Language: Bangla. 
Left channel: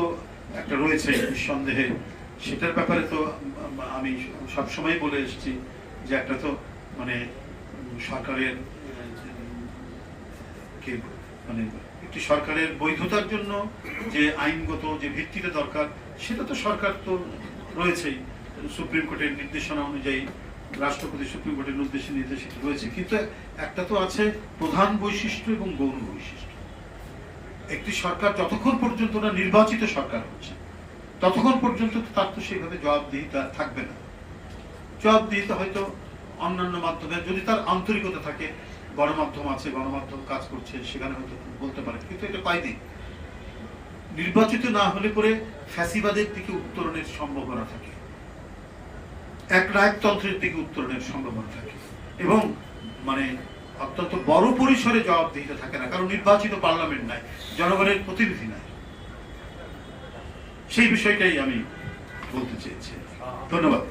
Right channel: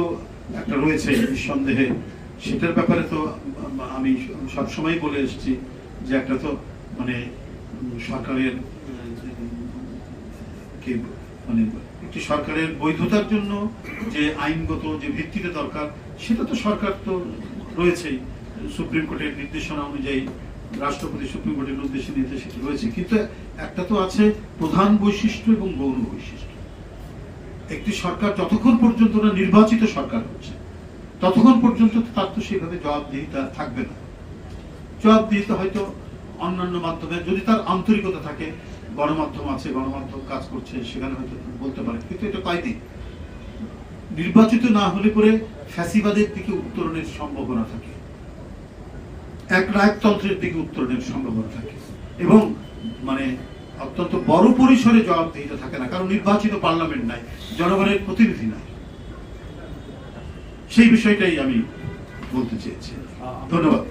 তো একটা রয়েছে নিঃসন্দেহে, সেটার ব্যাপারে তো আমি সবসময় বলে এসেছি যে একটা তো মানে সরকারের মানে একটি সরকারের বৈধতার জন্য যে আইনগত যে ভিত্তিটা দরকার সেটা তো সরকার তো রয়েছেই, সুপ্রিম কোর্টের নির্দেশনা অনুযায়ী রাষ্ট্রপতি সুপ্রিম কোর্টের নির্দেশে সেটা রয়েছে। কিন্তু একটা তো আছে প্রধান বৈশিষ্ট্য এবং গৌণ বৈশিষ্ট্য। একটি সরকার যতক্ষণ পর্যন্ত না নির্বাচিত সরকার হচ্ছে ততক্ষণ পর্যন্ত তার তো সেইভাবে জবাবদিহিতা থাকবে না। জবাবদিহিতা হয়তো অন্যান্য মাধ্যমে, যদি তার আন্তরিকতা থাকে, গণমাধ্যম আছে, গণমাধ্যম কাজ করছে, সেখানে হয়তো বলতে পারে, কিন্তু এটা পাইনি। নির্বাচিত না হলে পরে ফ্যাসিবাদের দিকে উত্তরণের সম্ভাবনা থাকে, এক রায়তন্ত্রের দিকে উত্তরণের সম্ভাবনা থাকে, এবং মানে অত্যন্ত বড় পরিসরে জবাবদিহিতা থাকে না, কারণ নির্বাচিত পার্লামেন্ট নাই, জনগণের প্রতিনিধি নাই। সেই বিষয়টাই আমি বলতে চেয়েছি। ধন্যবাদ।